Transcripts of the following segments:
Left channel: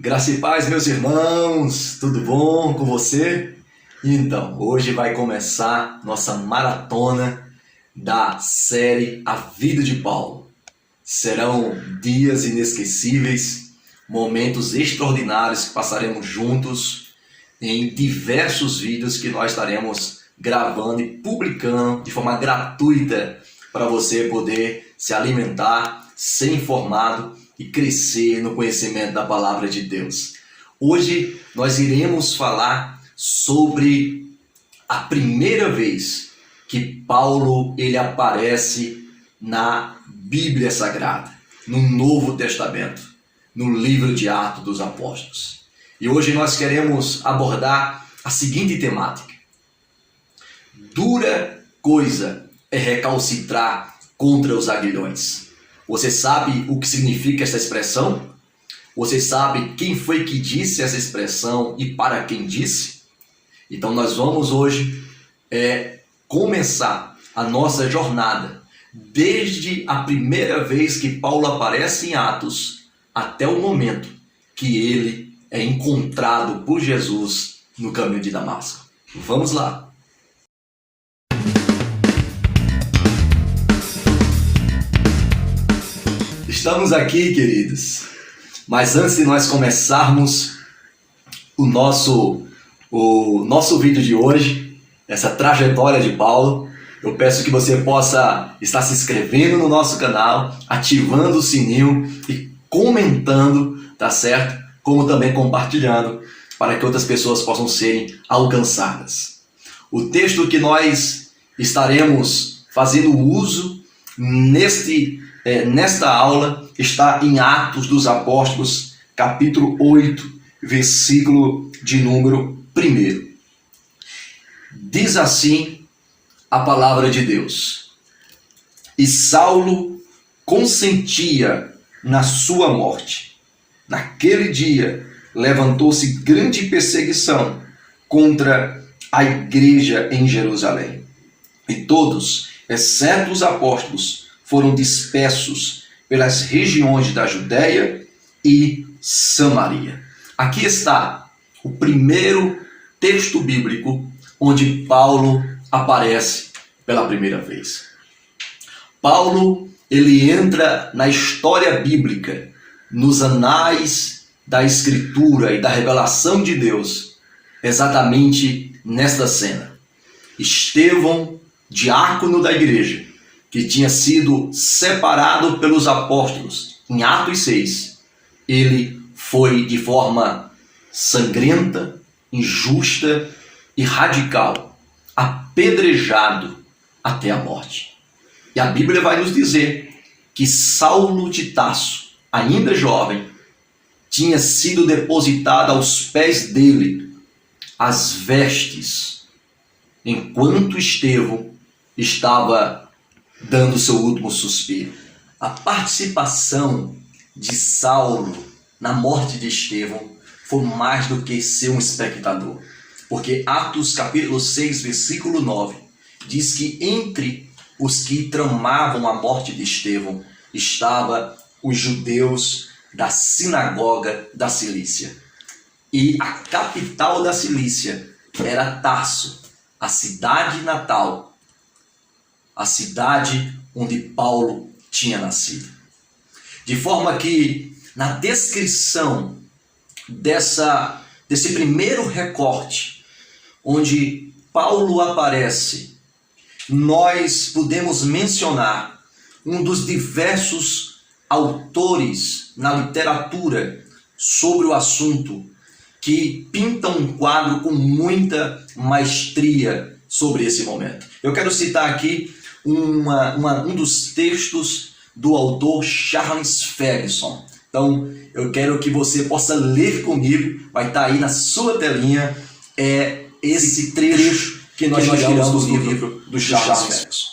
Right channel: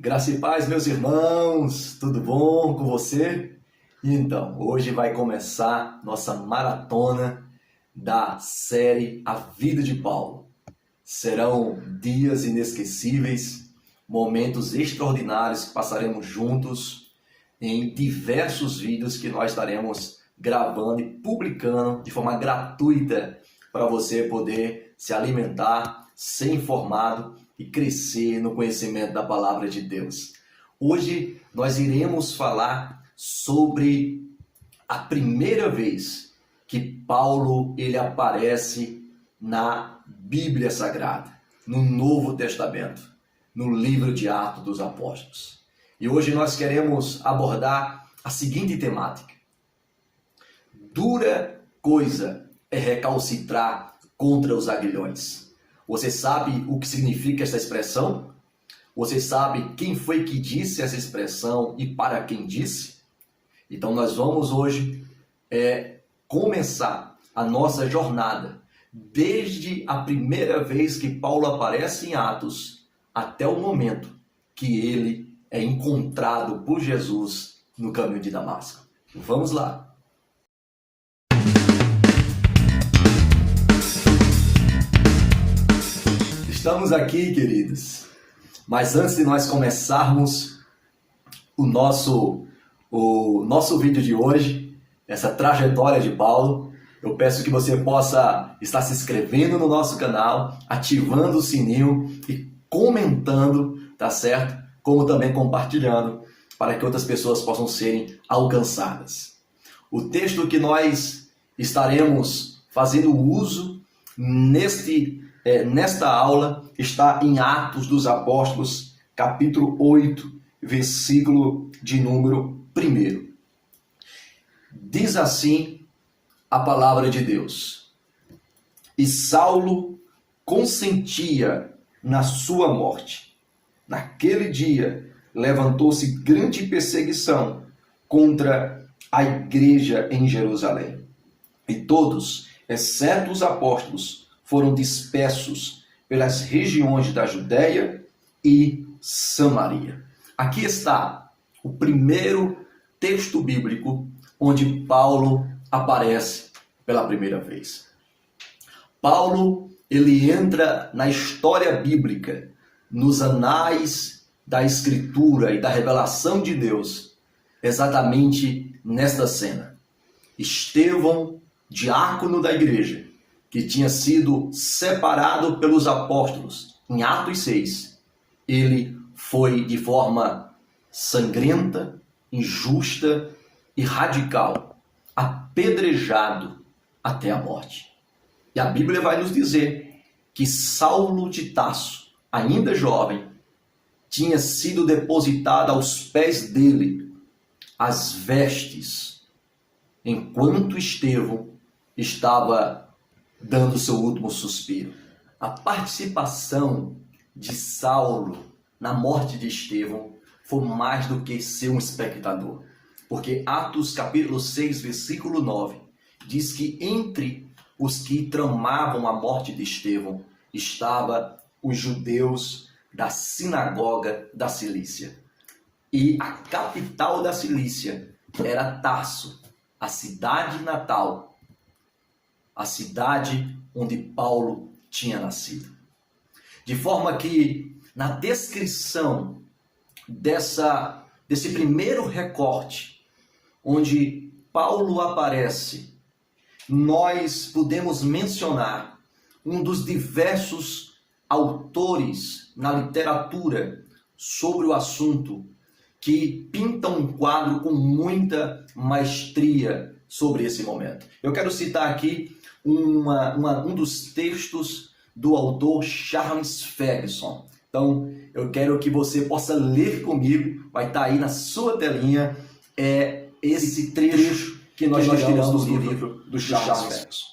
Graça e paz, meus irmãos, tudo bom com você? Então, hoje vai começar nossa maratona da série A Vida de Paulo. Serão dias inesquecíveis, momentos extraordinários que passaremos juntos em diversos vídeos que nós estaremos gravando e publicando de forma gratuita para você poder se alimentar, ser informado e crescer no conhecimento da palavra de Deus. Hoje nós iremos falar sobre a primeira vez que Paulo ele aparece na Bíblia Sagrada, no Novo Testamento, no livro de Atos dos Apóstolos. E hoje nós queremos abordar a seguinte temática: dura coisa é recalcitrar contra os aguilhões. Você sabe o que significa essa expressão? Você sabe quem foi que disse essa expressão e para quem disse? Então nós vamos hoje começar a nossa jornada desde a primeira vez que Paulo aparece em Atos até o momento que ele é encontrado por Jesus no caminho de Damasco. Vamos lá! Estamos aqui, queridos, mas antes de nós começarmos o nosso vídeo de hoje, essa trajetória de Paulo, eu peço que você possa estar se inscrevendo no nosso canal, ativando o sininho e comentando, tá certo? Como também compartilhando, para que outras pessoas possam serem alcançadas. O texto que nós estaremos fazendo uso nesta aula está em Atos dos Apóstolos, capítulo 8, versículo de número 1. Diz assim a palavra de Deus: E Saulo consentia na sua morte. Naquele dia levantou-se grande perseguição contra a igreja em Jerusalém. E todos, exceto os apóstolos, foram dispersos pelas regiões da Judéia e Samaria. Aqui está o primeiro texto bíblico onde Paulo aparece pela primeira vez. Paulo, ele entra na história bíblica, nos anais da Escritura e da revelação de Deus, exatamente nesta cena. Estevão, diácono da igreja, que tinha sido separado pelos apóstolos em Atos 6, ele foi de forma sangrenta, injusta e radical apedrejado até a morte. E a Bíblia vai nos dizer que Saulo de Tarso, ainda jovem, tinha sido depositado aos pés dele as vestes, enquanto Estevão estava dando seu último suspiro. A participação de Saulo na morte de Estevão foi mais do que ser um espectador. Porque Atos capítulo 6, versículo 9, diz que entre os que tramavam a morte de Estevão estavam os judeus da sinagoga da Cilícia. E a capital da Cilícia era Tarso, a cidade natal, a cidade onde Paulo tinha nascido. De forma que, na descrição desse primeiro recorte, onde Paulo aparece, nós podemos mencionar um dos diversos autores na literatura sobre o assunto que pintam um quadro com muita maestria sobre esse momento. Eu quero citar aqui um dos textos do autor Charles Ferguson. Então, eu quero que você possa ler comigo, vai estar aí na sua telinha, esse trecho que nós tiramos do livro do Charles Ferguson.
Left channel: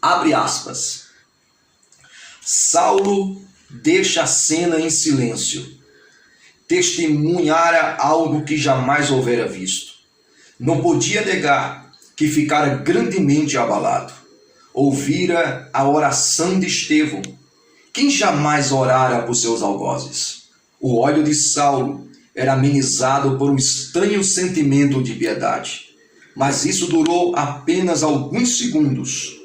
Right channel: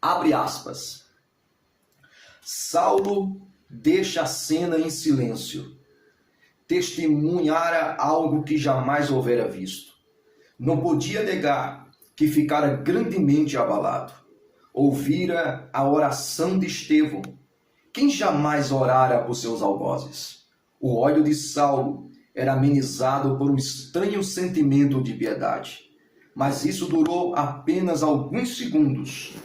Abre aspas. Saulo deixa a cena em silêncio. Testemunhara algo que jamais houvera visto. Não podia negar que ficara grandemente abalado. Ouvira a oração de Estevão. Quem jamais orara por seus algozes? O ódio de Saulo era amenizado por um estranho sentimento de piedade. Mas isso durou apenas alguns segundos.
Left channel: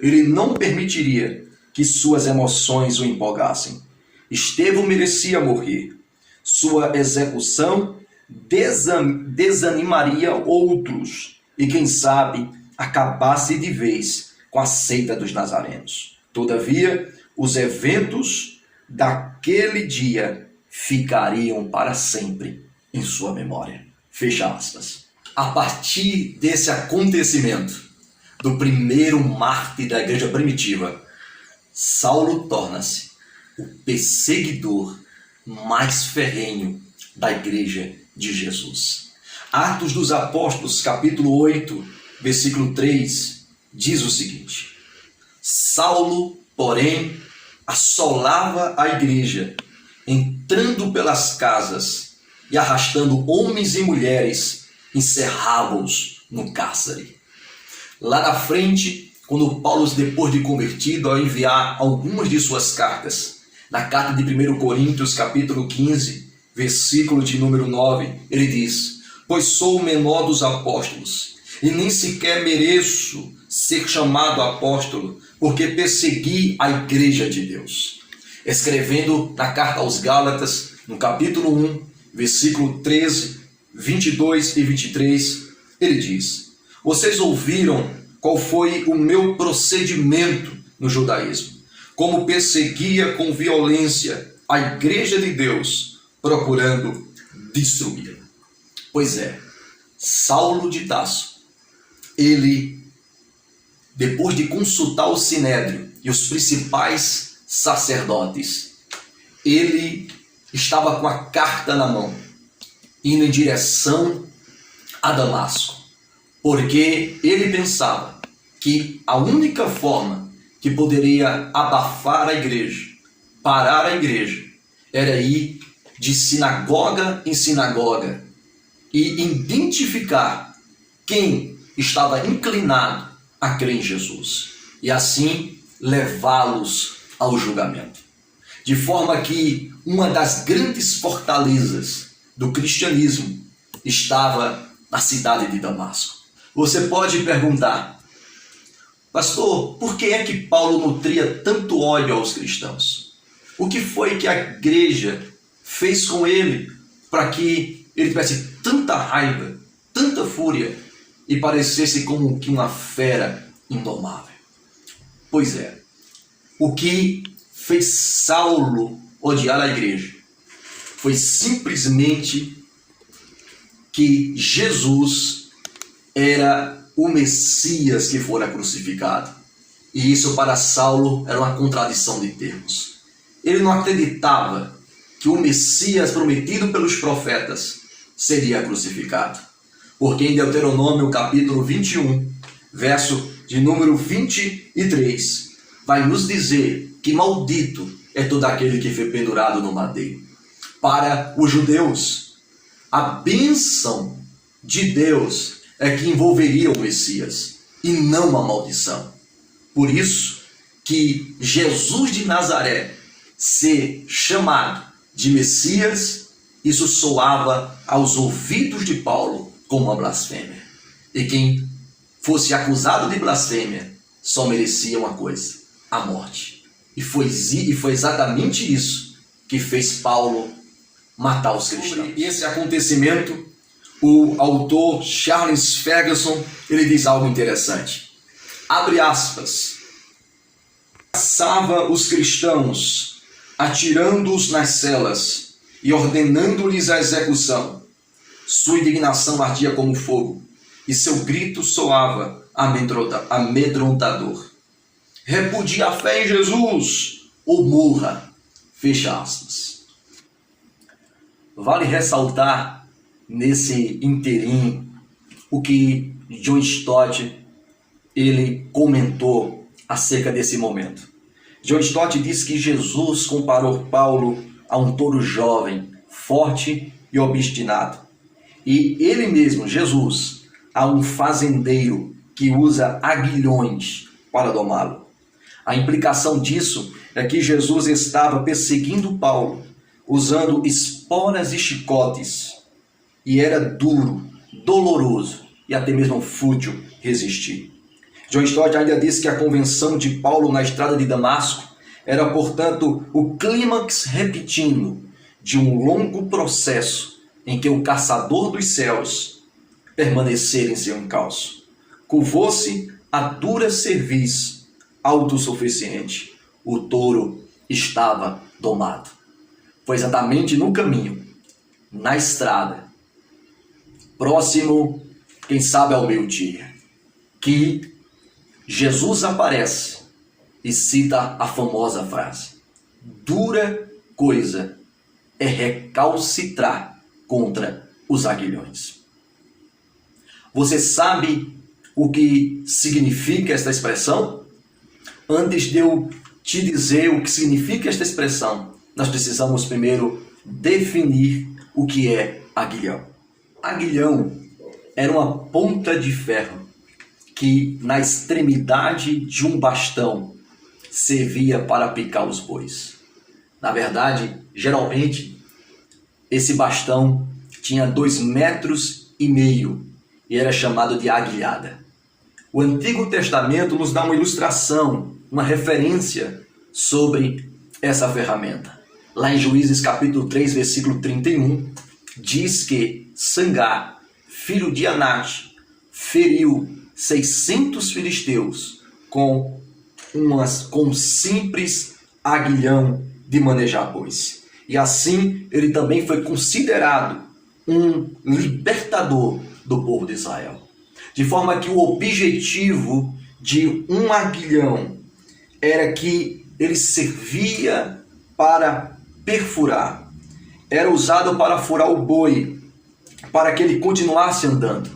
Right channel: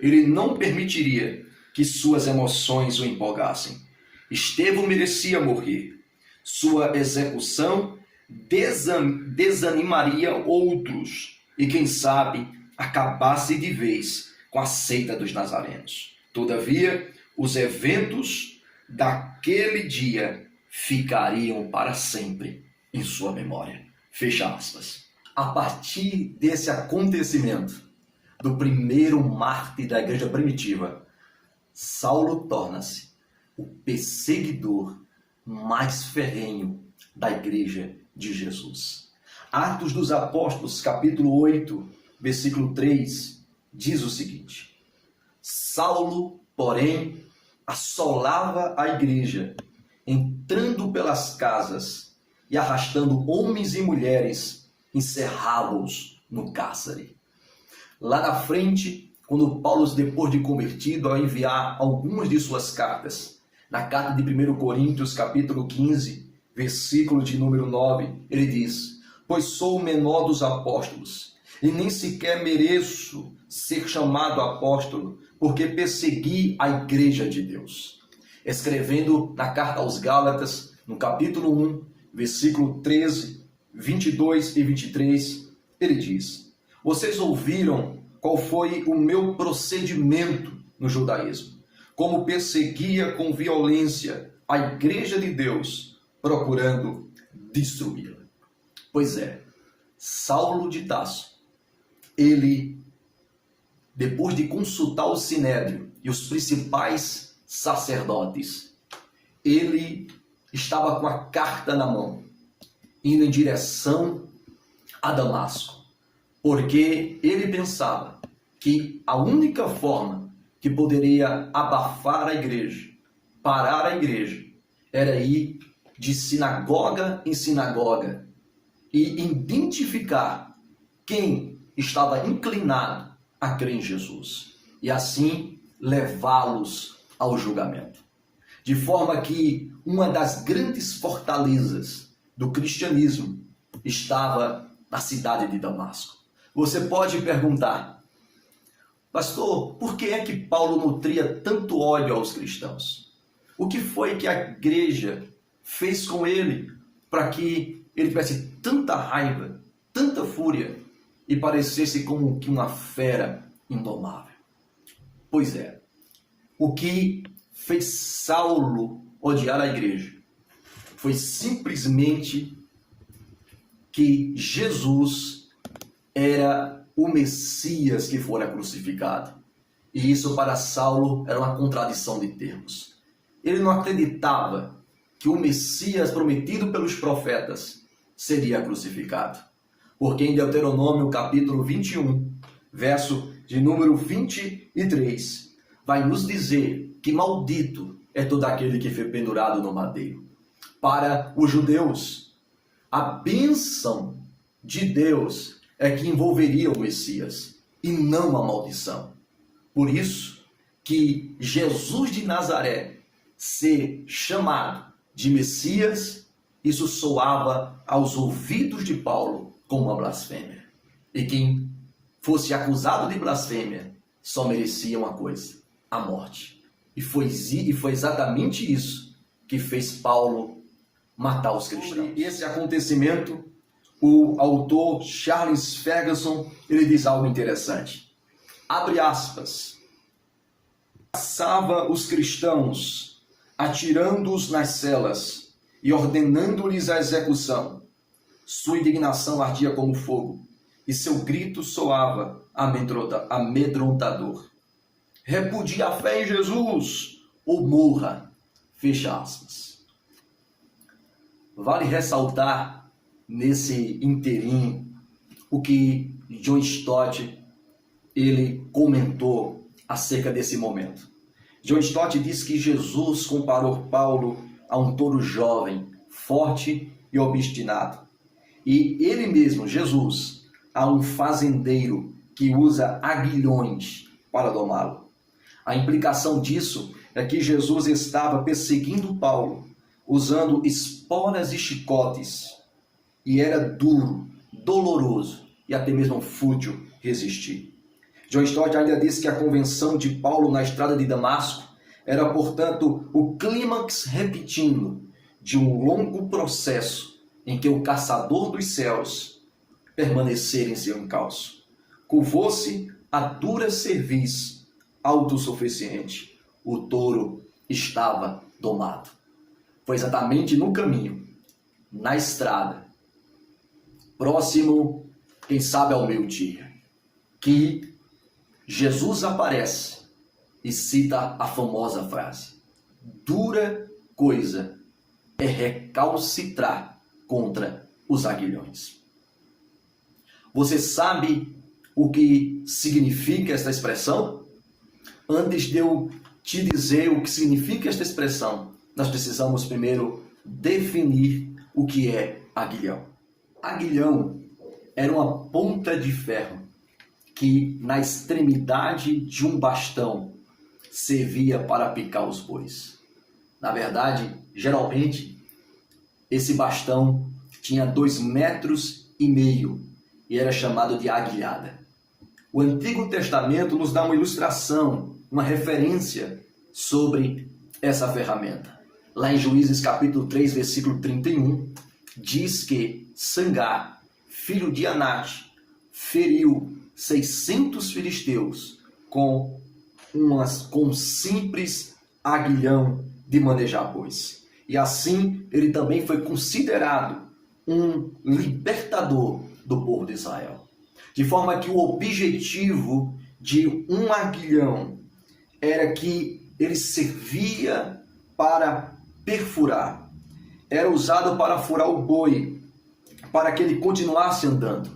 Ele não permitiria que suas emoções o empolgassem. Estevão merecia morrer. Sua execução desanimaria outros e, quem sabe, acabasse de vez com a seita dos nazarenos. Todavia, os eventos daquele dia ficariam para sempre em sua memória. Fecha aspas. A partir desse acontecimento, do primeiro mártir da igreja primitiva, Saulo torna-se o perseguidor mais ferrenho da igreja de Jesus. Atos dos Apóstolos, capítulo 8, versículo 3, diz o seguinte: Saulo, porém, assolava a igreja, entrando pelas casas e arrastando homens e mulheres, encerrava-os no cárcere. Lá na frente, quando Paulo, depois de convertido, ao enviar algumas de suas cartas, na carta de 1 Coríntios, capítulo 15, versículo de número 9, ele diz: Pois sou o menor dos apóstolos, e nem sequer mereço ser chamado apóstolo, porque persegui a igreja de Deus. Escrevendo na carta aos Gálatas, no capítulo 1, versículo 13, 22 e 23, ele diz: Vocês ouviram qual foi o meu procedimento no judaísmo, como perseguia com violência a igreja de Deus, procurando destruí-la. Pois é, Saulo de Tarso, ele, depois de consultar o Sinédrio e os principais sacerdotes, ele estava com a carta na mão, indo em direção a Damasco, porque ele pensava que a única forma que poderia abafar a igreja, parar a igreja, era ir de sinagoga em sinagoga e identificar quem estava inclinado a crer em Jesus e assim levá-los ao julgamento. De forma que uma das grandes fortalezas do cristianismo estava na cidade de Damasco. Você pode perguntar: pastor, por que é que Paulo nutria tanto ódio aos cristãos? O que foi que a igreja fez com ele para que ele tivesse tanta raiva, tanta fúria e parecesse como que uma fera indomável? Pois é, o que fez Saulo odiar a igreja foi simplesmente que Jesus era o Messias que fora crucificado. E isso para Saulo era uma contradição de termos. Ele não acreditava que o Messias prometido pelos profetas seria crucificado. Porque em Deuteronômio capítulo 21, verso de número 23, vai nos dizer que maldito é todo aquele que foi pendurado no madeiro. Para os judeus, a bênção de Deus é que envolveria o Messias e não a maldição. Por isso que Jesus de Nazaré ser chamado de Messias, isso soava aos ouvidos de Paulo como uma blasfêmia. E quem fosse acusado de blasfêmia só merecia uma coisa: a morte. E foi exatamente isso que fez Paulo matar os cristãos. Sobre esse acontecimento, o autor Charles Ferguson, ele diz algo interessante. Abre aspas. Caçava os cristãos, atirando-os nas celas e ordenando-lhes a execução. Sua indignação ardia como fogo e seu grito soava amedrontador. Repudie a fé em Jesus ou morra. Fecha aspas. Vale ressaltar nesse inteirinho o que John Stott ele comentou acerca desse momento. John Stott diz que Jesus comparou Paulo a um touro jovem, forte e obstinado. E ele mesmo, Jesus, a um fazendeiro que usa aguilhões para domá-lo. A implicação disso é que Jesus estava perseguindo Paulo usando esporas e chicotes, e era duro, doloroso e até mesmo fútil resistir. John Stott ainda disse que a convenção de Paulo na estrada de Damasco era, portanto, o clímax repetindo de um longo processo em que o caçador dos céus permanecera em seu encalço. Curvou-se a dura cerviz autossuficiente. O touro estava domado. Foi exatamente no caminho, na estrada, próximo, quem sabe, ao meio-dia, que Jesus aparece e cita a famosa frase: dura coisa é recalcitrar contra os aguilhões. Você sabe o que significa esta expressão? Antes de eu te dizer o que significa esta expressão, nós precisamos primeiro definir o que é aguilhão. Aguilhão era uma ponta de ferro que, na extremidade de um bastão, servia para picar os bois. Na verdade, geralmente, esse bastão tinha 2,5 metros e era chamado de aguilhada. O Antigo Testamento nos dá uma ilustração, uma referência sobre essa ferramenta. Lá em Juízes capítulo 3, versículo 31, diz que Sangar, filho de Anate, feriu 600 filisteus com um simples aguilhão de manejar bois. E assim ele também foi considerado um libertador do povo de Israel. De forma que o objetivo de um aguilhão era que ele servia para perfurar. Era usado para furar o boi, para que ele continuasse andando.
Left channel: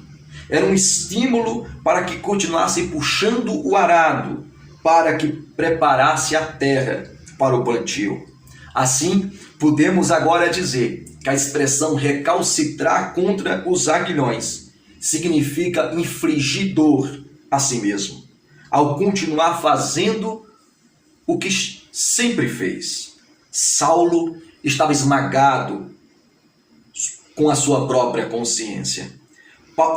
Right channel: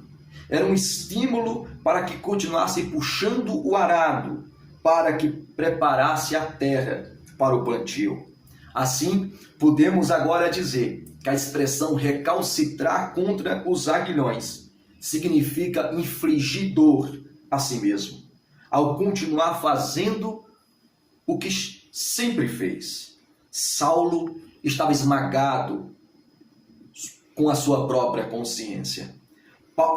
Era um estímulo para que continuasse puxando o arado, para que preparasse a terra para o plantio. Assim, podemos agora dizer que a expressão recalcitrar contra os aguilhões significa infligir dor a si mesmo, ao continuar fazendo o que sempre fez. Saulo estava esmagado com a sua própria consciência.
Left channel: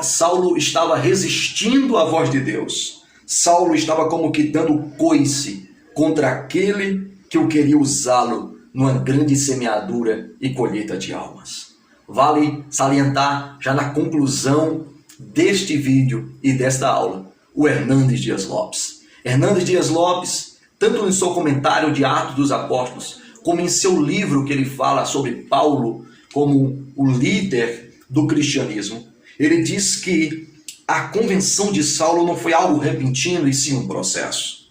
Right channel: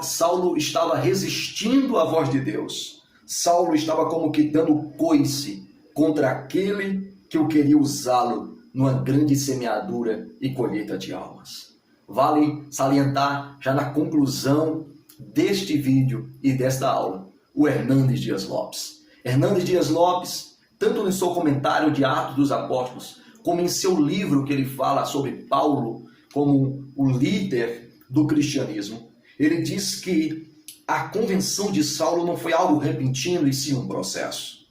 Saulo estava resistindo à voz de Deus. Saulo estava como que dando coice contra aquele que o queria usá-lo numa grande semeadura e colheita de almas. Vale salientar, já na conclusão deste vídeo e desta aula, o Hernandes Dias Lopes. Hernandes Dias Lopes, tanto no seu comentário de Atos dos Apóstolos, como em seu livro que ele fala sobre Paulo como o líder do cristianismo, ele diz que a convenção de Saulo não foi algo repentino, e sim um processo.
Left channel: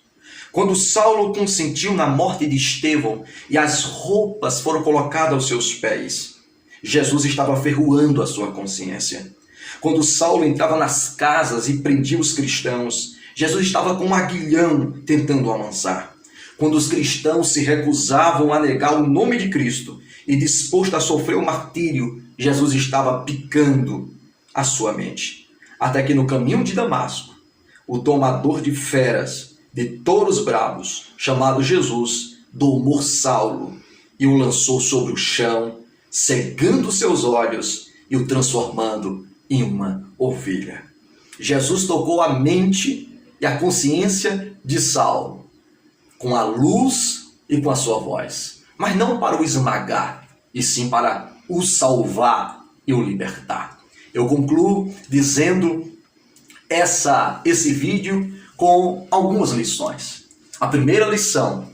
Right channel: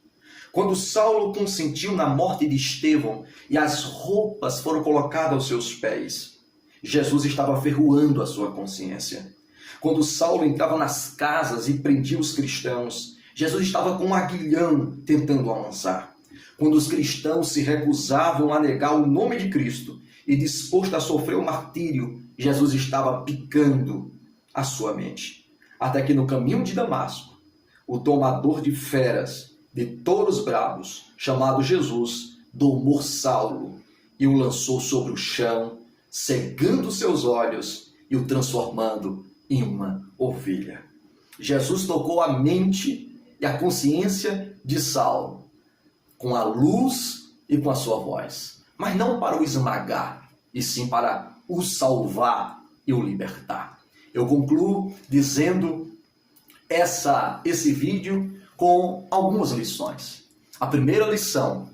Quando Saulo consentiu na morte de Estevão e as roupas foram colocadas aos seus pés, Jesus estava ferroando a sua consciência. Quando Saulo entrava nas casas e prendia os cristãos, Jesus estava com um aguilhão tentando amansar. Quando os cristãos se recusavam a negar o nome de Cristo e disposto a sofrer o martírio, Jesus estava picando a sua mente. Até que no caminho de Damasco, o domador de feras, de touros bravos, chamado Jesus, domou Saulo e o lançou sobre o chão, cegando seus olhos e o transformando em uma ovelha. Jesus tocou a mente e a consciência de Saulo com a luz e com a sua voz, mas não para o esmagar, e sim para o salvar e o libertar. Eu concluo dizendo esse vídeo com algumas lições. A primeira lição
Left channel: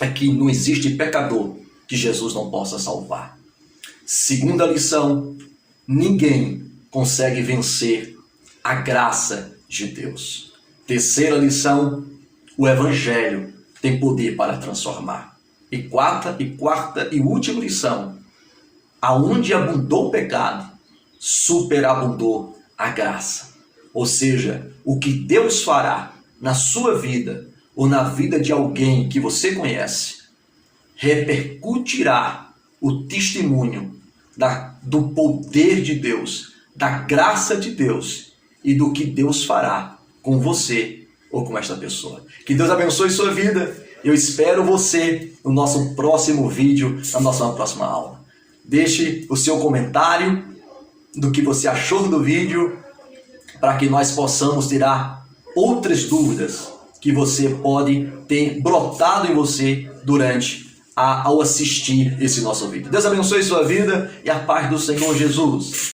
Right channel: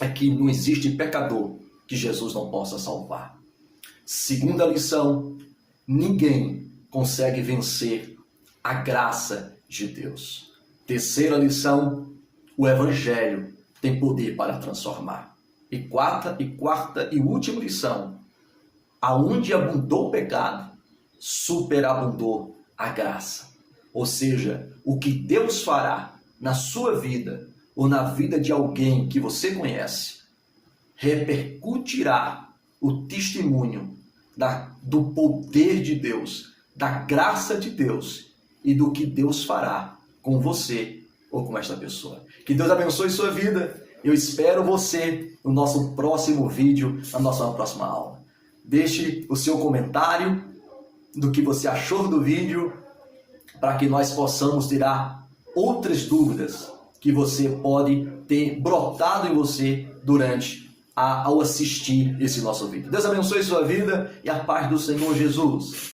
é que não existe pecador que Jesus não possa salvar. Segunda lição, ninguém consegue vencer a graça de Deus. Terceira lição, o Evangelho tem poder para transformar. E quarta e última lição, aonde abundou o pecado, superabundou a graça. Ou seja, o que Deus fará na sua vida ou na vida de alguém que você conhece, repercutirá o testemunho do poder de Deus, da graça de Deus e do que Deus fará com você ou com esta pessoa. Que Deus abençoe sua vida Eu espero você no nosso próximo vídeo, na nossa próxima aula. Deixe o seu comentário do que você achou do vídeo, para que nós possamos tirar outras dúvidas que você pode ter brotado em você ao assistir esse nosso vídeo. Deus abençoe sua vida e a paz do Senhor Jesus.